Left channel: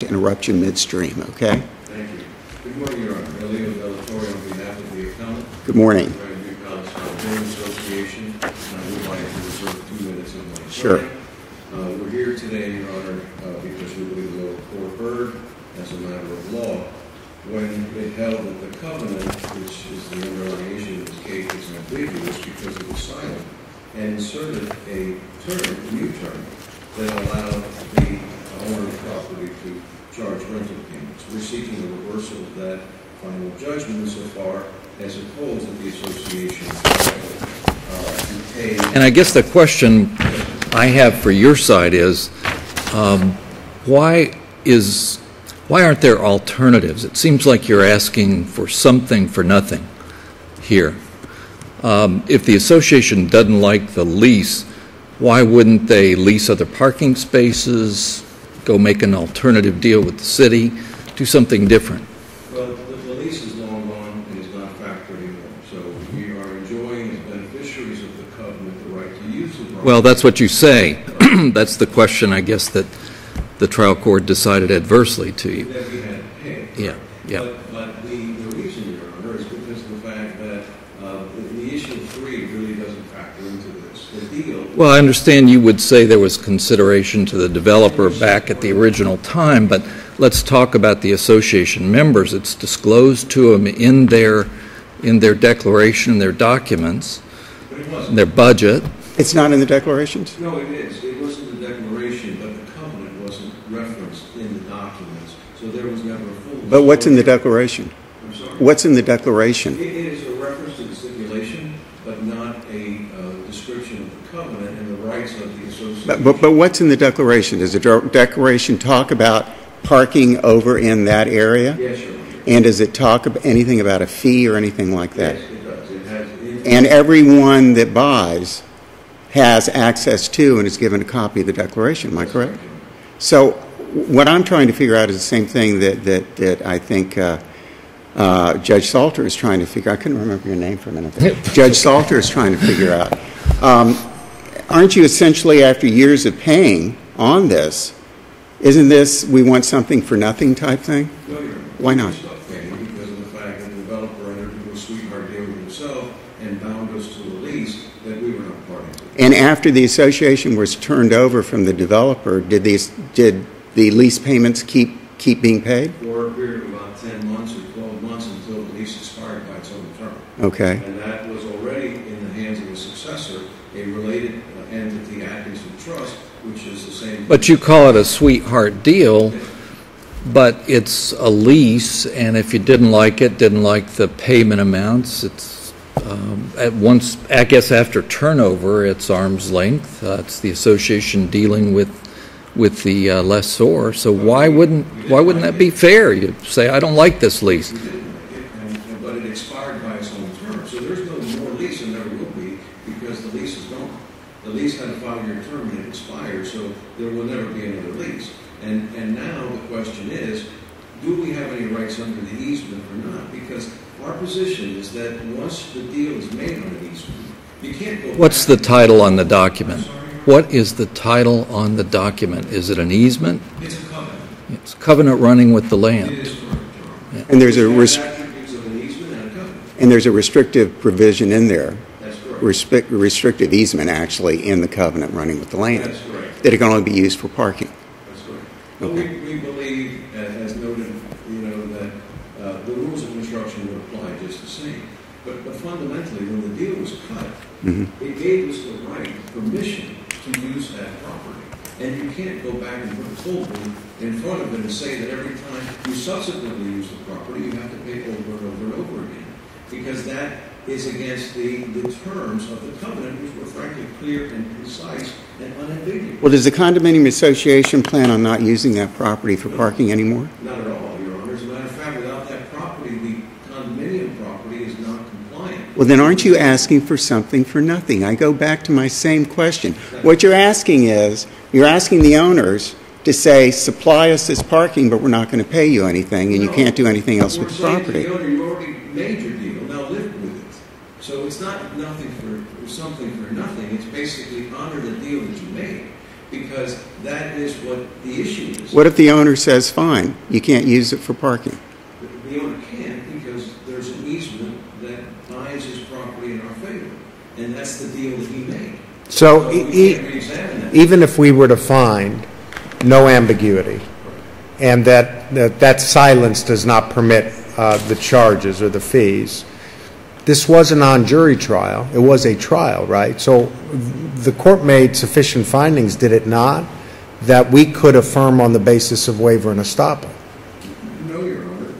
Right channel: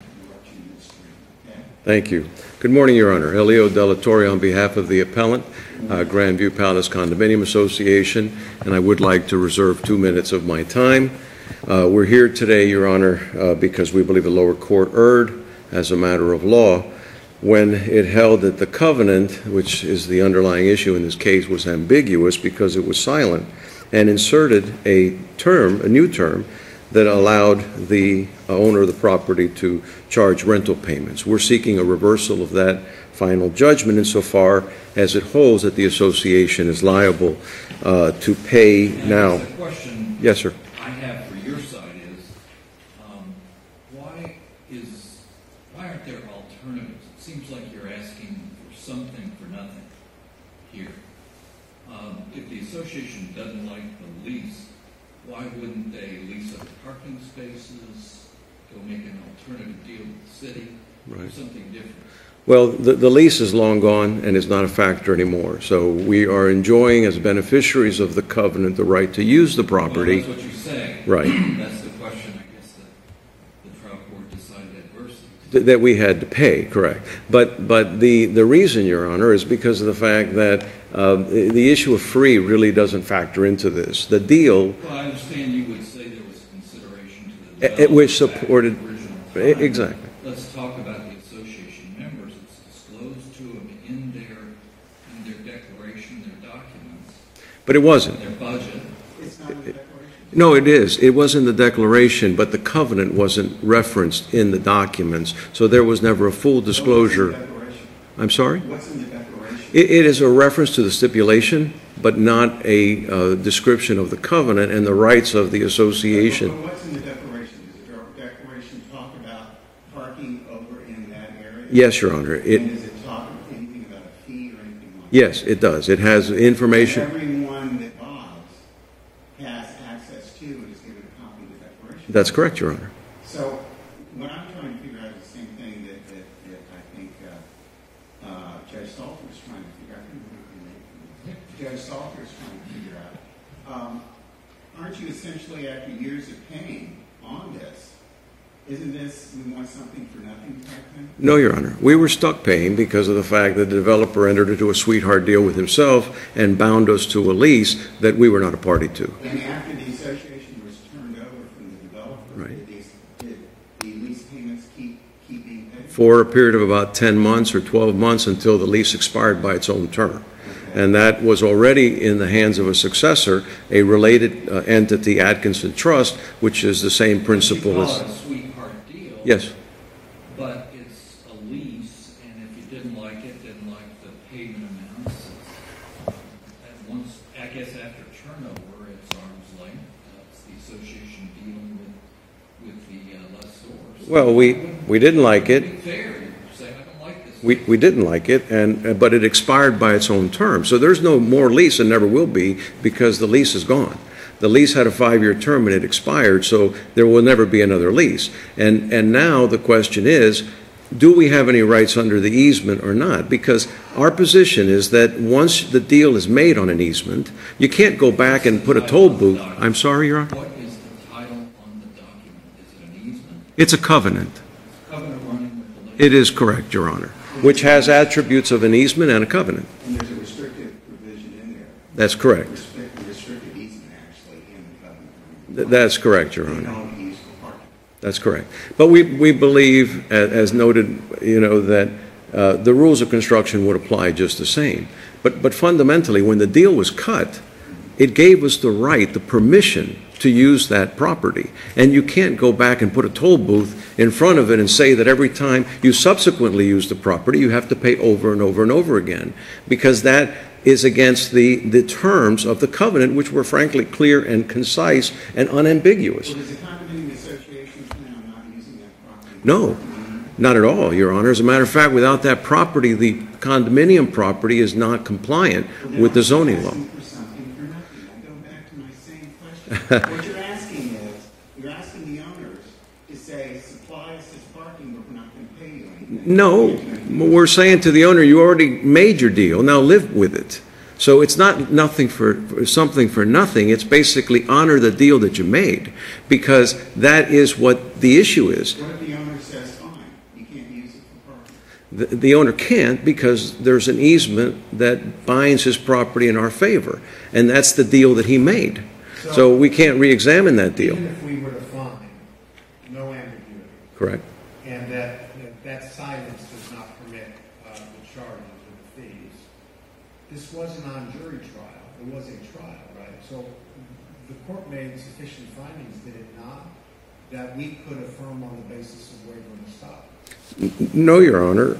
to interrupt you midstream, okay? Thank you. Good morning, Your Honor. Elio Delatorre on behalf of the appellant. Good morning. Grandview Palace Condominium Association, and I would like to reserve 2 minutes of my time. Sure. We're here today, Your Honor, because we believe the lower court erred as a matter of law when it held that the covenant, which is the underlying issue in this case, was ambiguous because it was silent and inserted a new term that allowed the owner of the property to charge rental payments. We're seeking a reversal of that final judgment insofar as it holds that the association is liable to pay. And I guess the question yes, sir. I have for your side is, why aren't there alternatives? It seems like you're asking for something for nothing here. If the association doesn't like the lease, why wouldn't they lease other parking spaces, go make an alternative deal with the city, do something different? Well, the lease is long gone and is not a factor anymore. So we are enjoying, as beneficiaries of the covenant, the right to use the property. Well, that's what you say. Right. That's the question, I guess, that the trial court decided adversely to you. That we had to pay, correct. Yeah. But the reason, Your Honor, is because of the fact that the issue of free really doesn't factor into this. The deal... Well, I understand you would say there was consideration to the developer back at the original time, exactly. But let's talk about the association members. It's disclosed to them in their declaration, their documents. But it wasn't. Their budget. It's not in the declarations? No, it is. It was in the declaration, but the covenant wasn't referenced in the documents, so there was never a full disclosure. But what's in the declaration? I'm sorry? What's in the declaration? It is a reference to the stipulation, but not a description of the covenant and the rights of the association. But what's in the declaration? Does the declaration talk about parking over in that area? Yes, Your Honor. And does it talk about anything about a fee or anything like that? Yes, it does. It has information. And everyone that buys has access to and is given a copy of the declaration. That's correct, Your Honor. So what I'm trying to figure out is the same thing that I think Judge Salter is trying to figure out. I couldn't remember your name for a minute there. Judge Salter is trying to figure out. Aren't you essentially, after years of paying on this, isn't this we want something for nothing type thing? No, Your Honor. We were stuck paying because of the fact that the developer entered into a sweetheart deal with himself and bound us to a lease that we were not a party to. And after the association was turned over from the developer, did the lease payments keep being paid? For a period of about 10 months or 12 months until the lease expired by its own term. Okay. And that was already in the hands of a successor, a related entity, Atkinson Trust, which is the same principle. But you call it a sweetheart deal. Yes. But it's a lease, and if you didn't like the payment amounts, it's at once, I guess after turnover, it's arm's length. It's the association dealing with the lessor. So well, why wouldn't that be fair? You'd say, I don't like this lease. We didn't like it, but it expired by its own term. So there's no more lease and never will be because the lease is gone. The lease had a 5-year term and it expired, so there will never be another lease. And now the question is, do we have any rights under the easement or not? Because our position is that once the deal is made on an easement, you can't go back. What's the title on the document? I'm sorry, Your Honor? What is the title on the document? Is it an easement? It's a covenant. It's a covenant running with the land. It is correct, Your Honor. Yeah. And which has attributes of an easement and a covenant. And there's a restrictive provision in there. That's correct. Restrictive easement, actually, in the covenant running with the land. That's correct, Your Honor. That it can only be used for parking. That's correct. But we believe, as noted, that the rules of construction would apply just the same. But fundamentally, when the deal was cut, it gave us the right, the permission to use that property. And you can't go back and put a toll booth in front of it and say that every time you subsequently use the property, you have to pay over and over and over again, because that is against the terms of the covenant, which were frankly clear and concise and unambiguous. Well, does the condominium association plan on not using that property for parking anymore? Not at all, Your Honor. As a matter of fact, without that property, the condominium property is not compliant. Well, then aren't you asking for something for nothing? I go back to my same question. What you're asking is, you're asking the owners to say, supply us this parking, but we're not going to pay you anything, and you can't do anything else. We're saying to the owner, you already made your deal, now live with it. So it's not something for nothing. It's basically honor the deal that you made, because that is what the issue is. What if the owner says, fine, you can't use it for parking? The owner can't, because there's an easement that binds his property in our favor, and that's the deal that he made. So we can't re-examine that deal. Even if we were to find no ambiguity, Right. and that silence does not permit the charges or the fees, this was a non-jury trial. It was a trial, right? So the court made sufficient findings, did it not, that we could affirm on the basis of waiver and estoppel? No, Your Honor.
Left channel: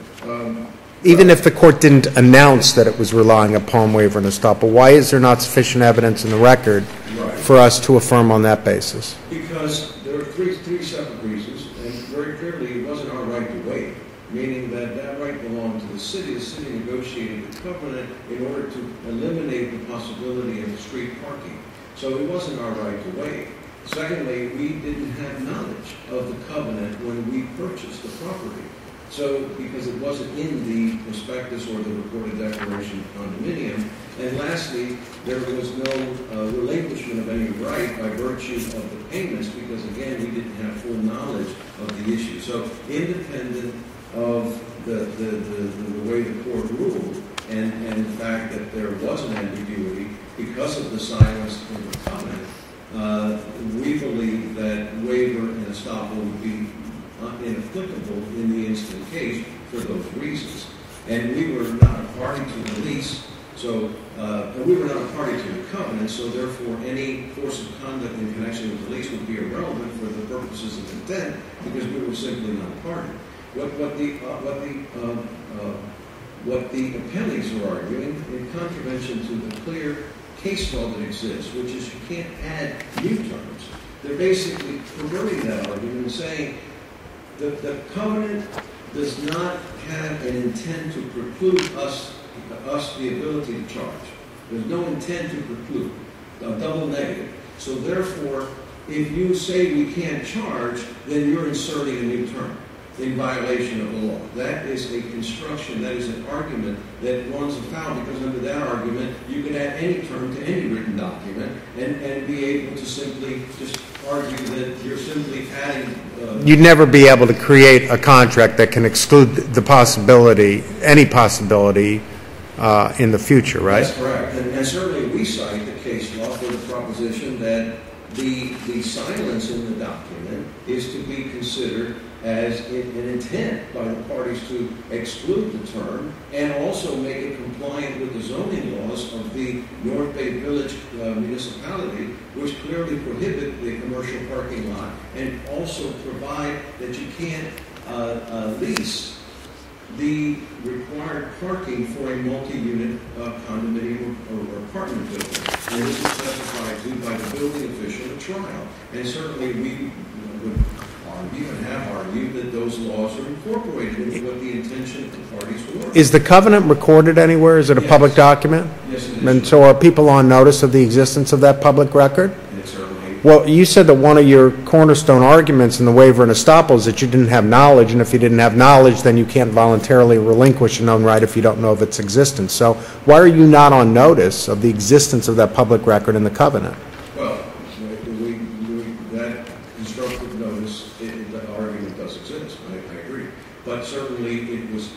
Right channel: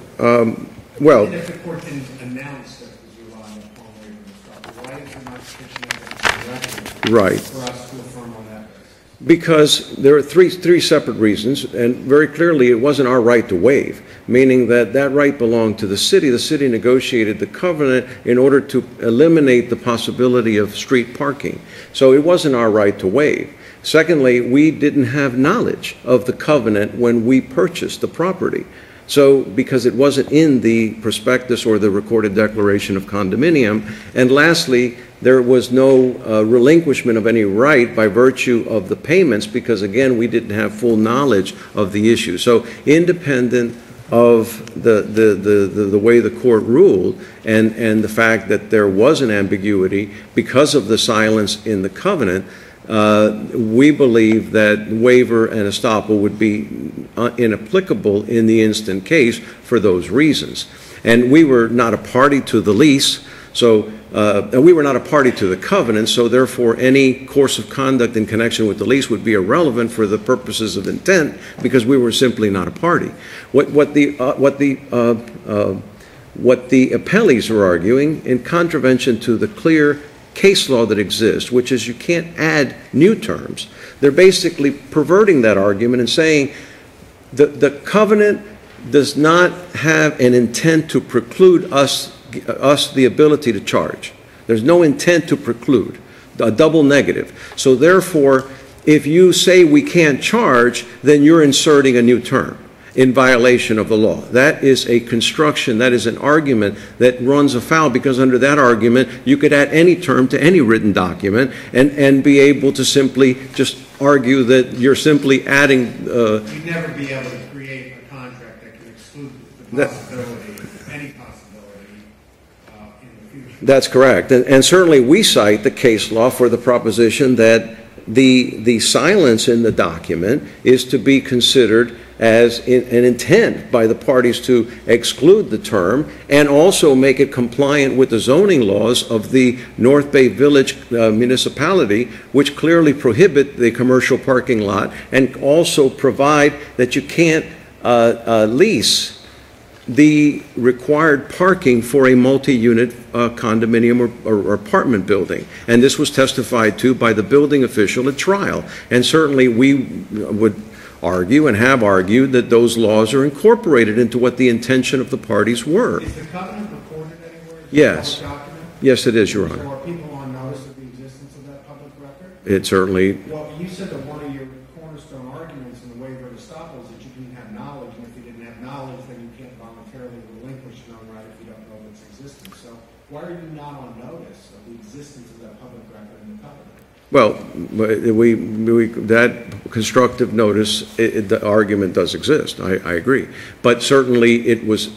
Even if the court didn't announce that it was relying upon waiver and estoppel, why is there not sufficient evidence in the record for us to affirm on that basis? Because there are three separate reasons, and very clearly it wasn't our right to waive, meaning that that right belonged to the city. The city negotiated the covenant in order to eliminate the possibility of street parking. So it wasn't our right to waive. Secondly, we didn't have knowledge of the covenant when we purchased the property. So, because it wasn't in the prospectus or the recorded declaration of condominium. And lastly, there was no relinquishment of any right by virtue of the payments, because again, we didn't have full knowledge of the issue. So, independent of the way the court ruled and the fact that there was an ambiguity because of the silence in the covenant, we believe that waiver and estoppel would be inapplicable in the instant case for those reasons. And we were not a party to the lease, so and we were not a party to the covenant, so therefore any course of conduct in connection with the lease would be irrelevant for the purposes of intent, because we were simply not a party. What the appellees are arguing, in contravention to the clear case law that exists, which is you can't add new terms, they're basically perverting that argument and saying the covenant does not have an intent to preclude us the ability to charge. There's no intent to preclude, a double negative. So therefore, if you say we can't charge, then you're inserting a new term in violation of the law. That is a construction, that is an argument that runs afoul, because under that argument, you could add any term to any written document and be able to simply just argue that you're simply adding... You'd never be able to create a contract that can exclude the possibility, any possibility in the future, right? That's correct. And certainly we cite the case law for the proposition that the silence in the document is to be considered as an intent by the parties to exclude the term and also make it compliant with the zoning laws of the North Bay Village municipality, which clearly prohibit the commercial parking lot and also provide that you can't lease the required parking for a multi-unit condominium or apartment building. And this was testified to by the building official at trial. And certainly we would argue and have argued that those laws are incorporated into what the intention of the parties were. Is the covenant recorded anywhere? Is it a public document? Yes, it is. And so are people on notice of the existence of that public record? It certainly... Well, you said that one of your cornerstone arguments in the waiver and estoppel is that you didn't have knowledge, and if you didn't have knowledge, then you can't voluntarily relinquish a known right if you don't know of its existence. So why are you not on notice of the existence of that public record in the covenant? Well, that constructive notice, the argument does exist. I agree, but certainly it was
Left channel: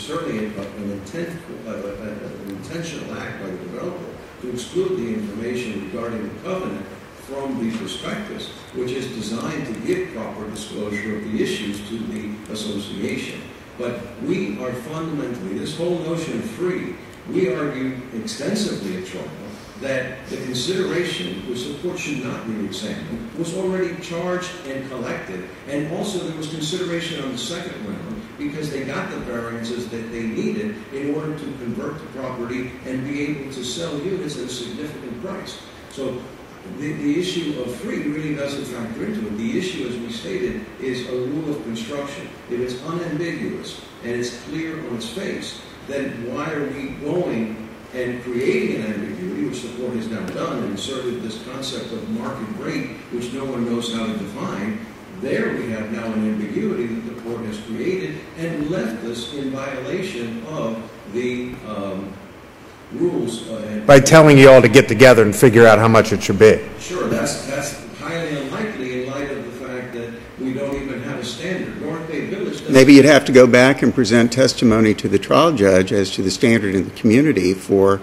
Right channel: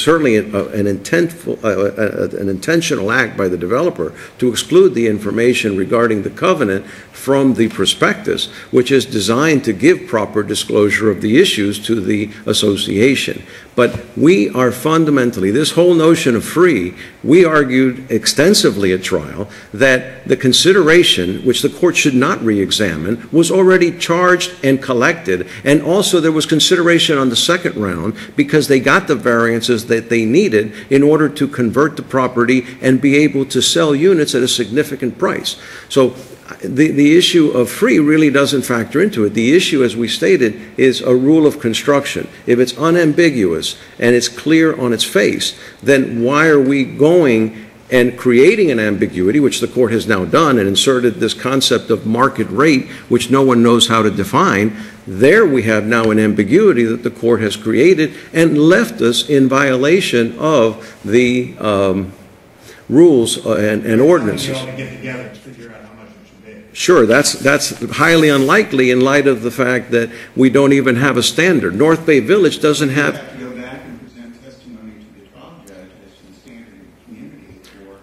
certainly an intentional act by the developer to exclude the information regarding the covenant from the prospectus, which is designed to give proper disclosure of the issues to the association. But we are fundamentally, this whole notion of free, we argued extensively at trial that the consideration, which the court should not re-examine, was already charged and collected. And also there was consideration on the second round because they got the variances that they needed in order to convert the property and be able to sell units at a significant price. So the issue of free really doesn't factor into it. The issue, as we stated, is a rule of construction. If it's unambiguous and it's clear on its face, then why are we going and creating an ambiguity, which the court has now done and inserted this concept of market rate, which no one knows how to define? There we have now an ambiguity that the court has created and left us in violation of the rules and By telling you all ordinances. to get together and figure out how much it should be. Sure, that's highly unlikely in light of the fact that we don't even have a standard. North Bay Village doesn't Maybe you'd have to go back and present testimony to the trial judge as to the standard in the community for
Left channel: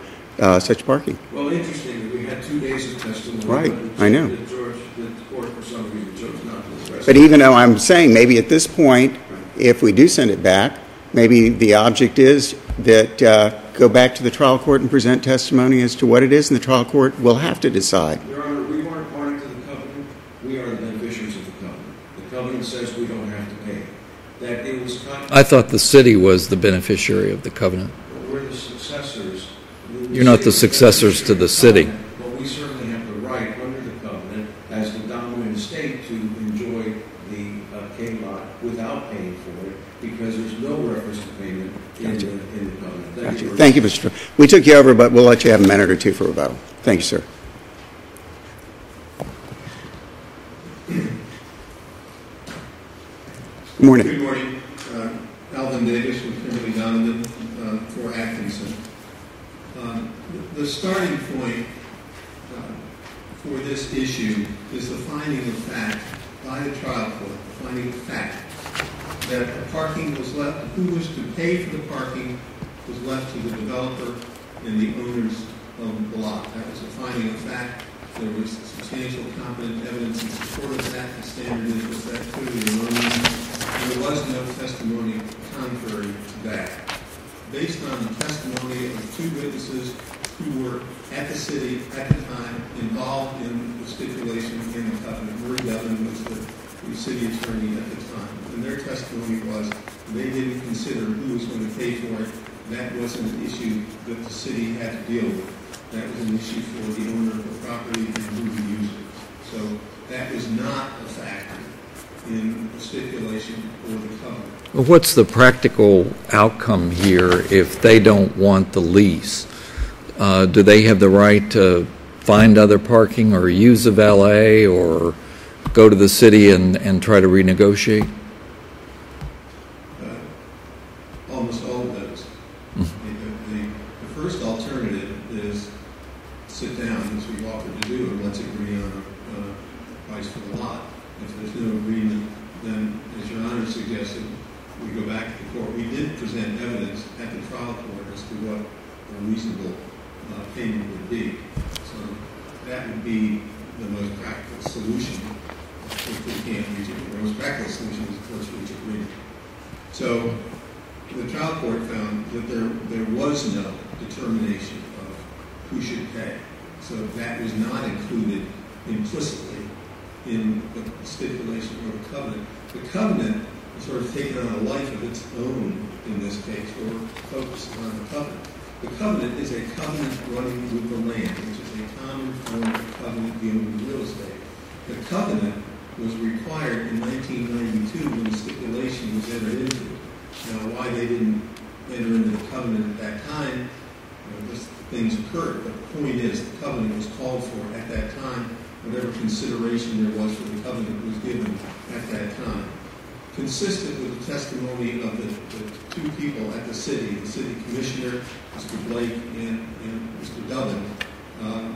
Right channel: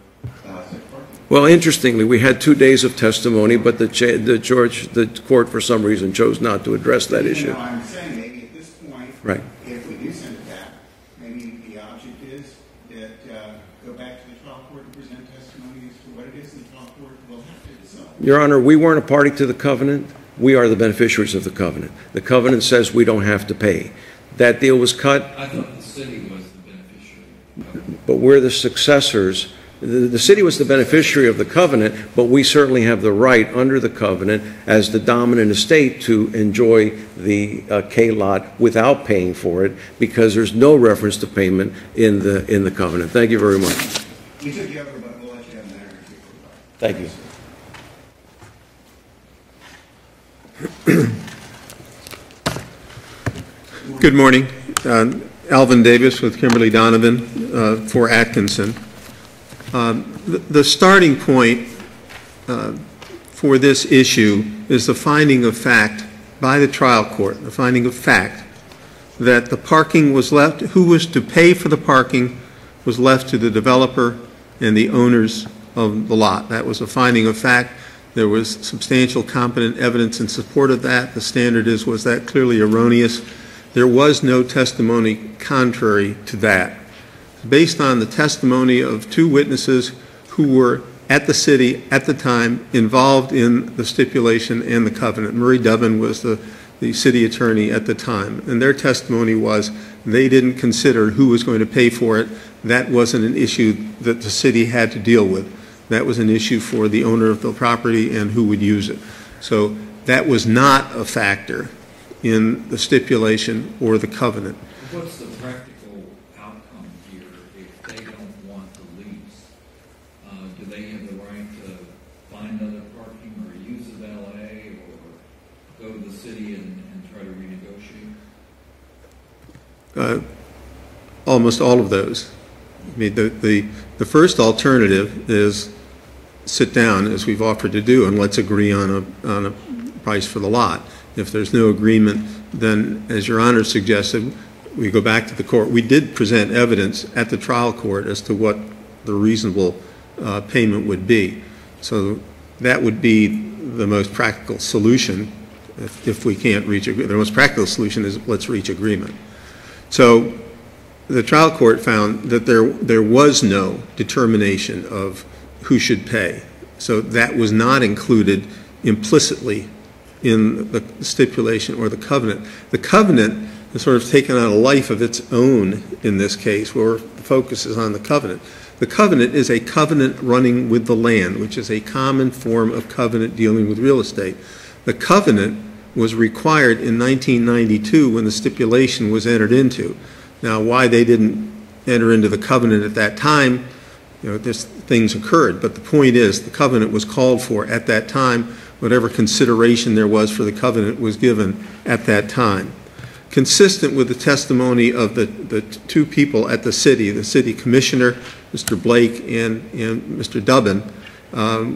such parking. Well, interestingly, we had 2 days of testimony, Right, but I know. the court, for some reason, chose not to address that But even issue. though I'm saying maybe at this point, Right. if we do send it back, maybe the object is that go back to the trial court and present testimony as to what it is, and the trial court will have to decide. Your Honor, we weren't a party to the covenant. We are the beneficiaries of the covenant. The covenant says we don't have to pay. That deal was cut, I thought the city was the beneficiary of the covenant. but we're the successors. The You're city not the was the successors beneficiary to of the the city. covenant, but we certainly have the right under the covenant as the dominant estate to enjoy the K-lot without paying for it, because there's no reference to payment in the covenant. Thank you very much. Thank you, Mr. Chairman. We took you over, but we'll let you have a minute or two for rebuttal. Thank you, sir. Good morning. Good morning. Alvin Davis with Kimberly Donovan for Atkinson. The starting point for this issue is the finding of fact by the trial court, the finding of fact that the parking was left, who was to pay for the parking was left to the developer and the owners of the lot. That was a finding of fact. There was substantial competent evidence in support of that. The standard is, was that clearly erroneous? There was no testimony contrary to that. Based on the testimony of 2 witnesses who were at the city at the time involved in the stipulation and the covenant. Murray Dubbin was the city attorney at the time, and their testimony was they didn't consider who was going to pay for it. That wasn't an issue that the city had to deal with. That was an issue for the owner of the property and who would use it. So that was not a factor in the stipulation or the covenant. Well, what's the practical outcome here if they don't want the lease? Do they have the right to find other parking or use a valet or go to the city and try to renegotiate? Almost all of those. I mean, the first alternative is sit down, as we've offered to do, and let's agree on a price for the lot. If there's no agreement, then, as Your Honor suggested, we go back to the court. We did present evidence at the trial court as to what the reasonable payment would be. So that would be the most practical solution if we can't reach agreement. The most practical solution is let's reach agreement. So the trial court found that there was no determination of who should pay. So that was not included implicitly in the stipulation or the covenant. The covenant has sort of taken on a life of its own in this case, where it focuses on the covenant. The covenant is a covenant running with the land, which is a common form of covenant dealing with real estate. The covenant was required in 1992 when the stipulation was entered into. Now, why they didn't enter into the covenant at that time, just things occurred. But the point is, the covenant was called for at that time. Whatever consideration there was for the covenant was given at that time. Consistent with the testimony of the 2 people at the city commissioner, Mr. Blake and Mr. Dubbin,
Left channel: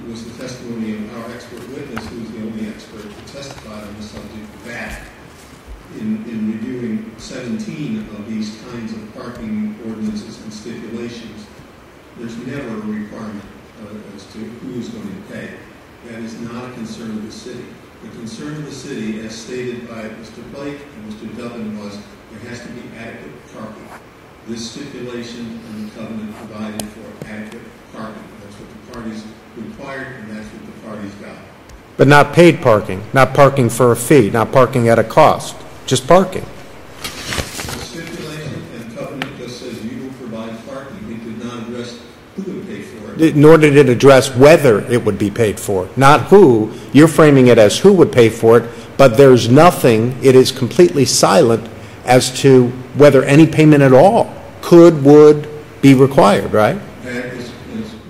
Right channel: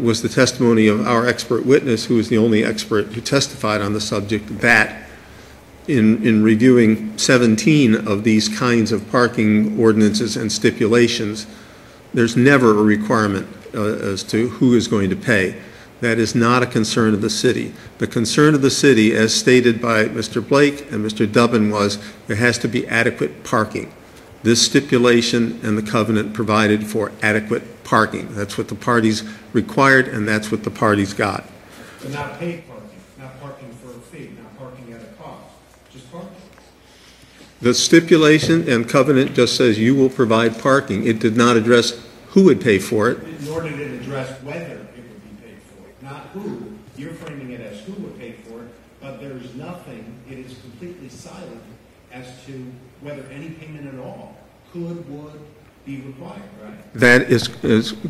was the testimony of our expert witness, who was the only expert who testified on the subject, that in reviewing 17 of these kinds of parking ordinances and stipulations, there's never a requirement as to who is going to pay. That is not a concern of the city. The concern of the city, as stated by Mr. Blake and Mr. Dubbin, was there has to be adequate parking. This stipulation and the covenant provided for adequate parking. That's what the parties required, and that's what the parties got. But not paid parking, not parking for a fee, not parking at a cost, just parking. The stipulation and covenant just says you will provide parking. It did not address who would pay for it. Nor did it address whether it would be paid for, not who. You're framing it as who would pay for it, but there's nothing, it is completely silent as to whether any payment at all would be required, right? That is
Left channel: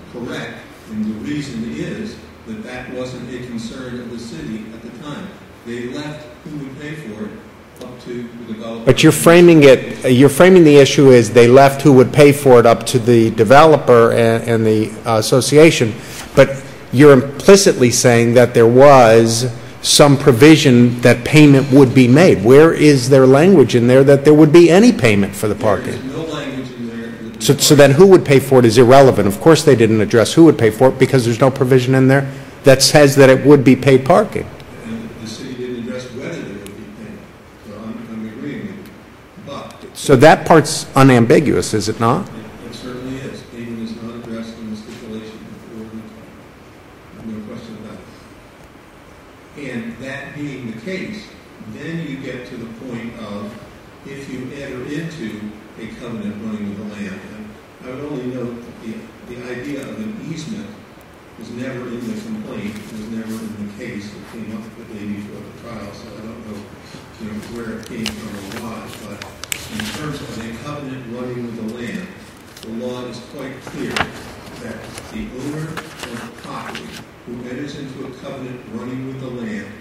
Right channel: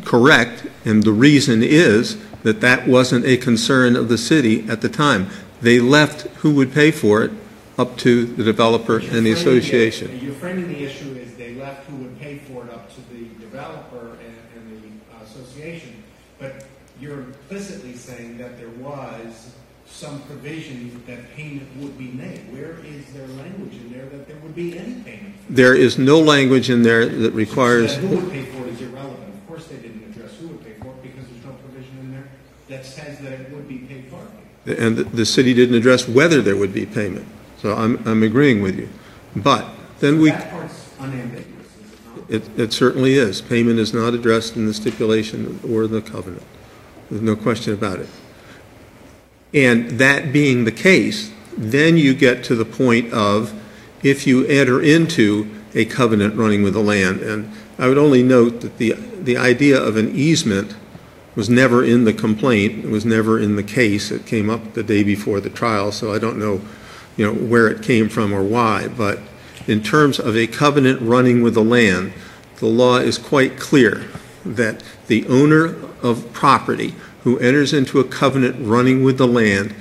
correct, and the reason is that wasn't a concern of the city at the time. They left who would pay for it up to the developer. But you're and the framing association. you're framing the issue as they left who would pay for it up to the developer and the association, but you're implicitly saying that there was some provision that payment would be made. Where is there language in there that there would be any payment for the There parking? is no language in there that requires... So then who would pay for it is irrelevant. Of course they didn't address who would pay for it because there's no provision in there that says that it would be paid parking. And the city didn't address whether there would be payment. So I'm agreeing with you. But... So that part's unambiguous, is it not? It certainly is. Payment is not addressed in the stipulation or the covenant. There's no question about it. And that being the case, then you get to the point of if you enter into a covenant running with the land. And I would only note that the idea of an easement was never in the complaint. It was never in the case. It came up the day before the trial, so I don't know, where it came from or why. But in terms of a covenant running with the land, the law is quite clear that the owner of property who enters into a covenant running with the land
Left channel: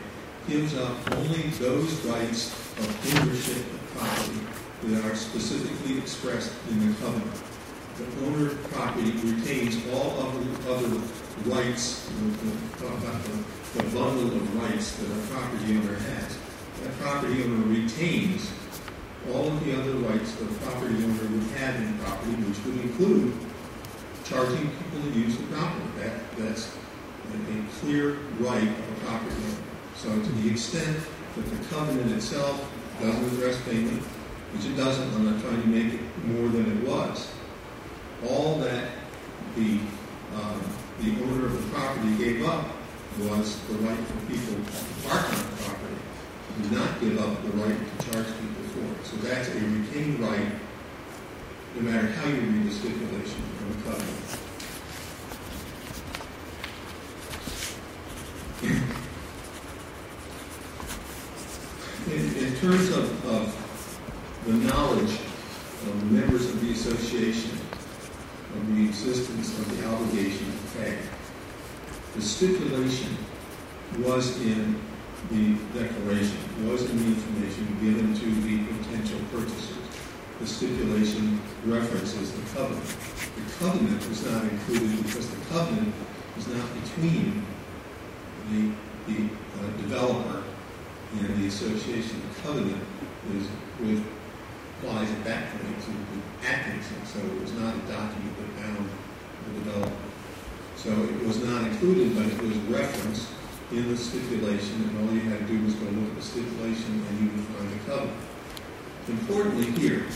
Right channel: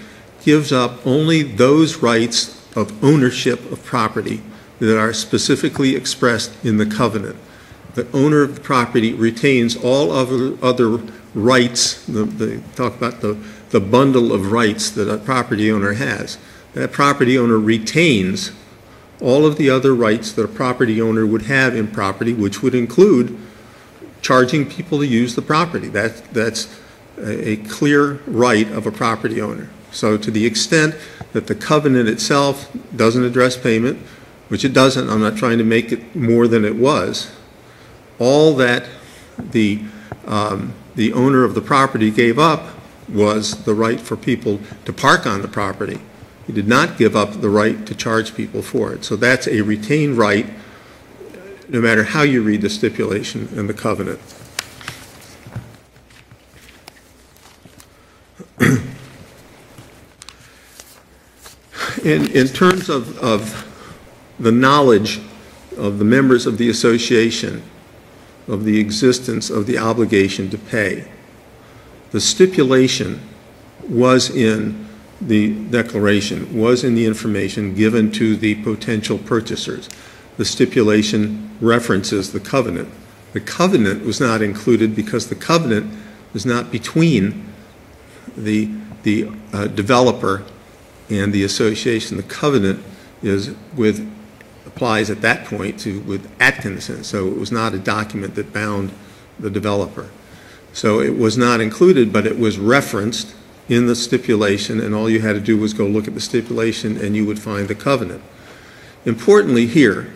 gives up only those rights of ownership of property that are specifically expressed in the covenant. The owner of property retains all other rights. They talk about the bundle of rights that a property owner has. That property owner retains all of the other rights that a property owner would have in property, which would include charging people to use the property. That's a clear right of a property owner. So to the extent that the covenant itself doesn't address payment, which it doesn't, I'm not trying to make it more than it was, all that the owner of the property gave up was the right for people to park on the property. He did not give up the right to charge people for it. So that's a retained right, no matter how you read the stipulation and the covenant. In terms of the knowledge of the members of the association of the existence of the obligation to pay, the stipulation was in the declaration, was in the information given to the potential purchasers. The stipulation references the covenant. The covenant was not included because the covenant was not between the developer and the association. The covenant applies at that point with Atkinson, so it was not a document that bound the developer. So it was not included, but it was referenced in the stipulation, and all you had to do was go look at the stipulation and you would find the covenant. Importantly here,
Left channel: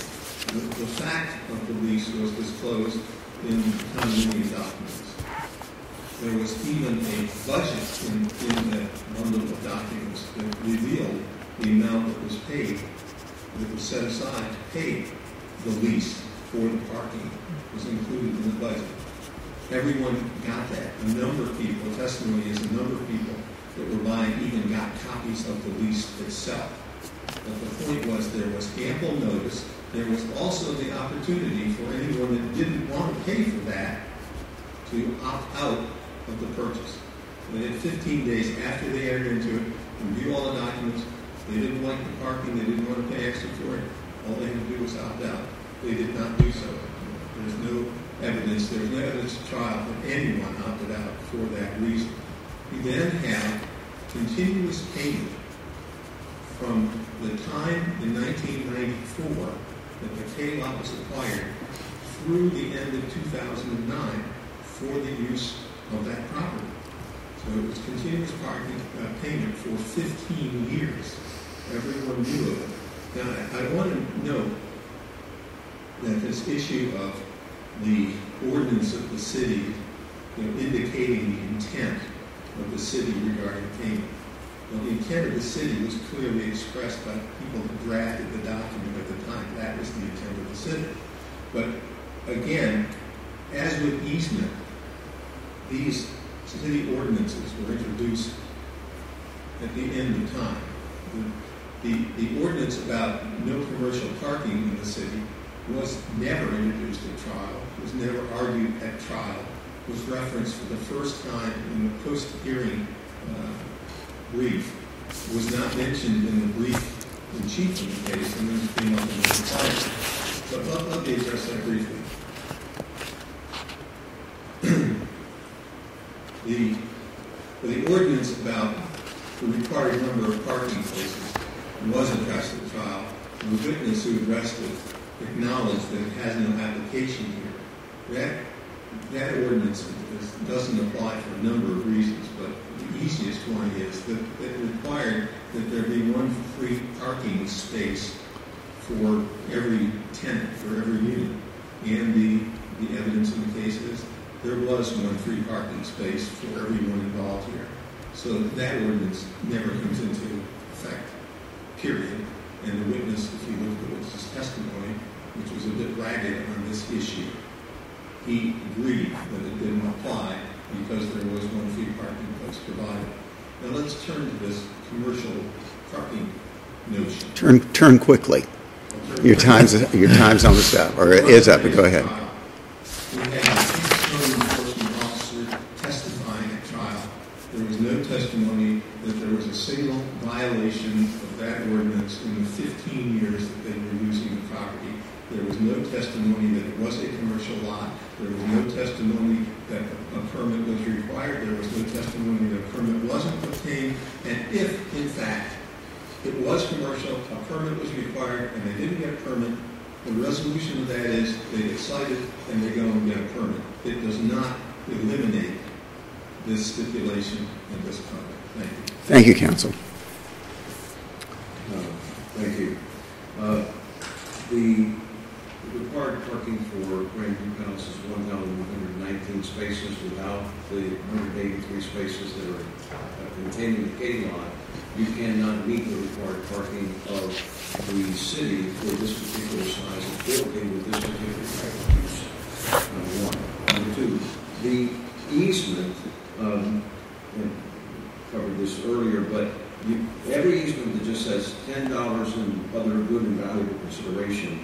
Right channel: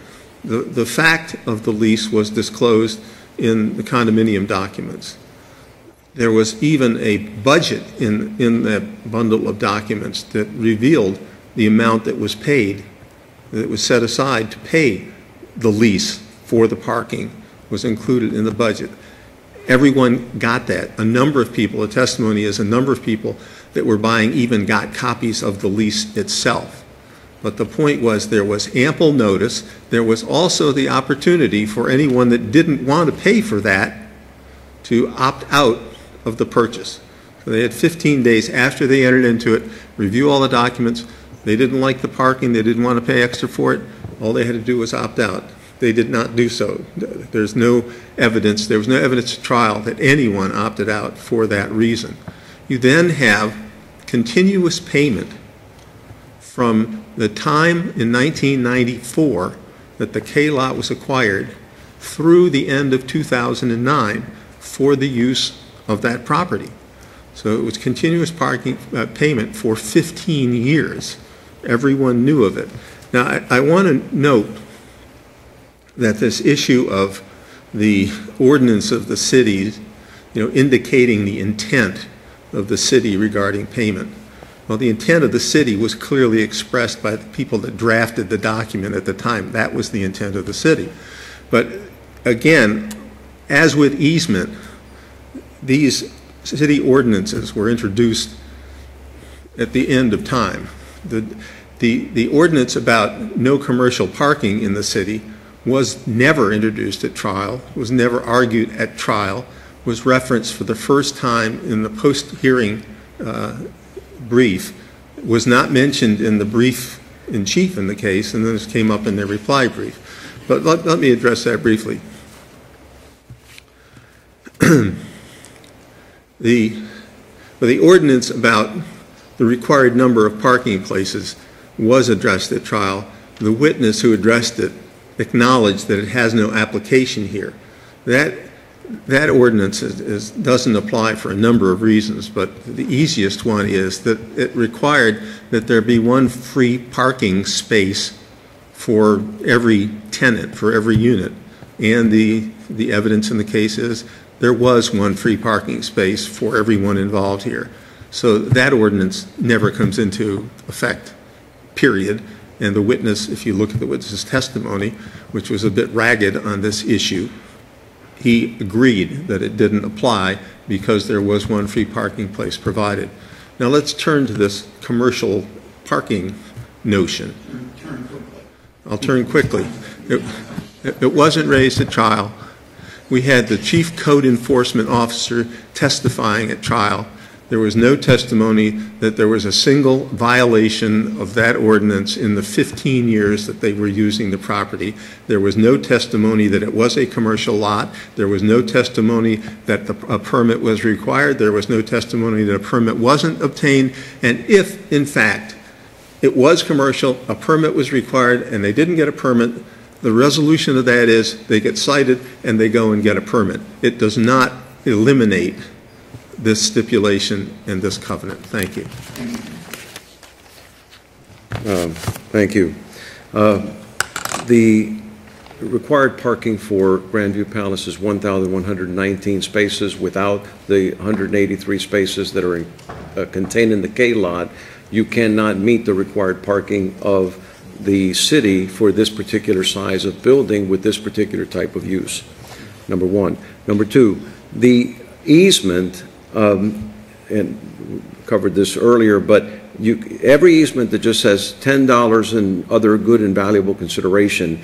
the fact of the lease was disclosed in the condominium documents. There was even a budget in that bundle of documents that revealed the amount that was paid, that was set aside to pay the lease for the parking was included in the budget. Everyone got that. A number of people, the testimony is a number of people that were buying even got copies of the lease itself. But the point was there was ample notice. There was also the opportunity for anyone that didn't want to pay for that to opt out of the purchase. So they had 15 days after they entered into it, review all the documents. They didn't like the parking. They didn't want to pay extra for it. All they had to do was opt out. They did not do so. There's no evidence. There was no evidence at trial that anyone opted out for that reason. You then have continuous payment from the time in 1994 that the K lot was acquired through the end of 2009 for the use of that property. So it was continuous parking payment for 15 years. Everyone knew of it. Now, I want to note that this issue of the ordinance of the city, indicating the intent of the city regarding payment. Well, the intent of the city was clearly expressed by the people that drafted the document at the time. That was the intent of the city. But again, as with easement, these city ordinances were introduced at the end of time. The ordinance about no commercial parking in the city was never introduced at trial, was never argued at trial, was referenced for the first time in the post-hearing brief, was not mentioned in the brief in chief in the case, and then this came up in their reply brief. But let me address that briefly. The ordinance about the required number of parking places was addressed at trial. The witness who addressed it acknowledged that it has no application here. That ordinance doesn't apply for a number of reasons, but the easiest one is that it required that there be one free parking space for every tenant, for every unit. And the evidence in the case is there was one free parking space for everyone involved here. So that ordinance never comes into effect, period. And the witness, if you look at the witness's testimony, which was a bit ragged on this issue, he agreed that it didn't apply because there was one free parking place provided. Now let's turn to this commercial parking notion. Turn quickly. I'll turn Your quickly. your time's almost up. It wasn't raised at trial. We had the chief code enforcement officer testifying at trial. There was no testimony that there was a single violation of that ordinance in the 15 years that they were using the property. There was no testimony that it was a commercial lot. There was no testimony that a permit was required. There was no testimony that a permit wasn't obtained. And if, in fact, it was commercial, a permit was required, and they didn't get a permit, the resolution of that is they get cited and they go and get a permit. It does not eliminate this stipulation and this covenant. Thank you. Thank you, counsel. Thank you. The required parking for Grandview Palace is 1,119 spaces without the 183 spaces that are contained in the K lot. You cannot meet the required parking of the city for this particular size of building with this particular type of use, number one. Number two, the easement, and covered this earlier, but every easement that just says $10 and other good and valuable consideration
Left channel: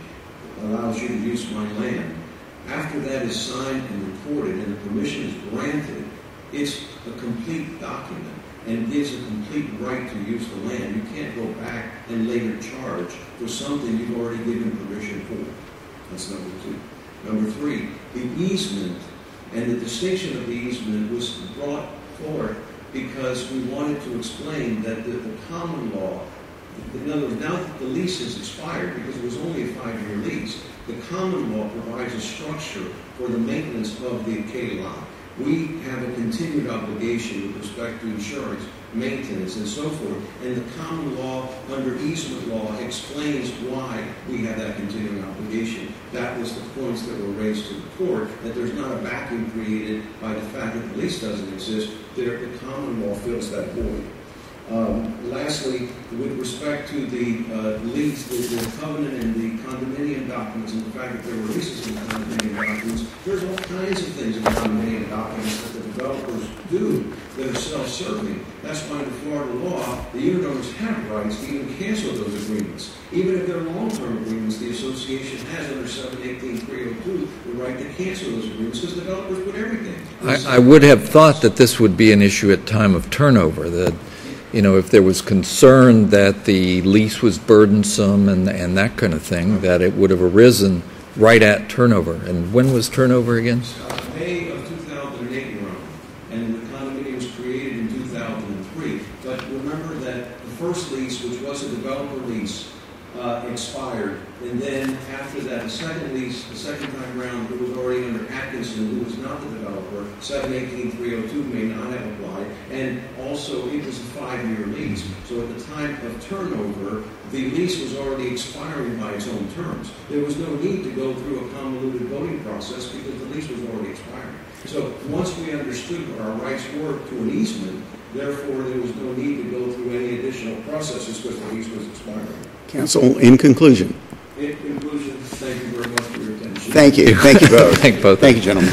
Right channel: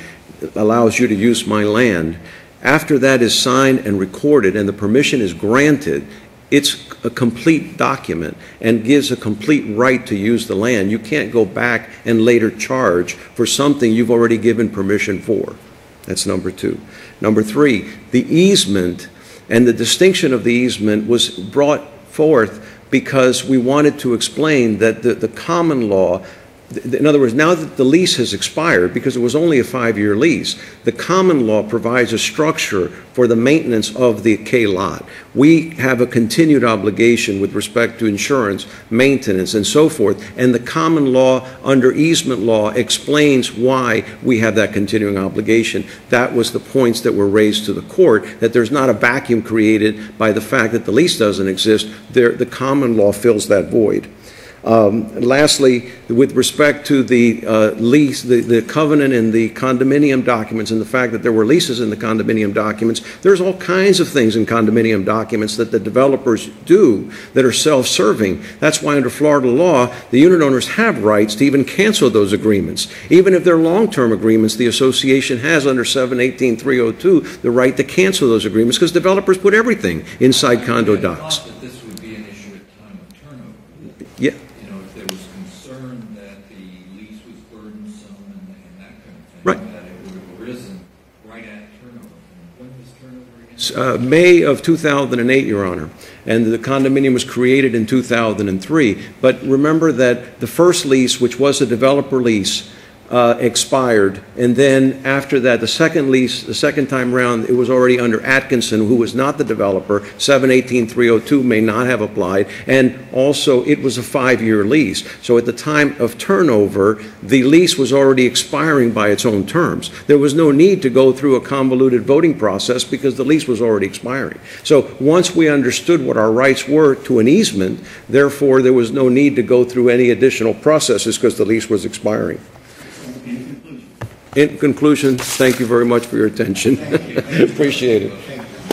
allows you to use my land. After that is signed and recorded and the permission is granted, it's a complete document and gives a complete right to use the land. You can't go back and later charge for something you've already given permission for. That's number two. Number three, the easement and the distinction of the easement was brought forth because we wanted to explain that the common law, in other words, now that the lease has expired, because it was only a 5-year lease, the common law provides a structure for the maintenance of the K lot. We have a continued obligation with respect to insurance, maintenance, and so forth, and the common law under easement law explains why we have that continuing obligation. That was the points that were raised to the court, that there's not a vacuum created by the fact that the lease doesn't exist. The common law fills that void. Lastly, with respect to the lease, the covenant and the condominium documents and the fact that there were leases in the condominium documents, there's all kinds of things in condominium documents that the developers do that are self-serving. That's why under Florida law, the unit owners have rights to even cancel those agreements. Even if they're long-term agreements, the association has under 718-302 the right to cancel those agreements because developers put everything inside I would have docs. thought that this would be an issue at time of turnover, that Yeah. you know, if there was concern that the lease was burdensome and that kind of thing, Right. that it would have arisen right at turnover. And when was turnover again? May of 2008, Your Honor, and the condominium was created in 2003. But remember that the first lease, which was a developer lease, expired, and then after that, the second lease, the second time around, it was already under Atkinson, who was not the developer. 718-302 may not have applied, and also it was a 5-year lease. So at the time of turnover, the lease was already expiring by its own terms. There was no need to go through a convoluted voting process because the lease was already expiring. So once we understood what our rights were to an easement, therefore there was no need to go through any additional processes because the lease was expiring. Counsel, in conclusion. In conclusion, thank you very much for your attention. Thank you. Thank you both. Thank you both. Thank you, gentlemen.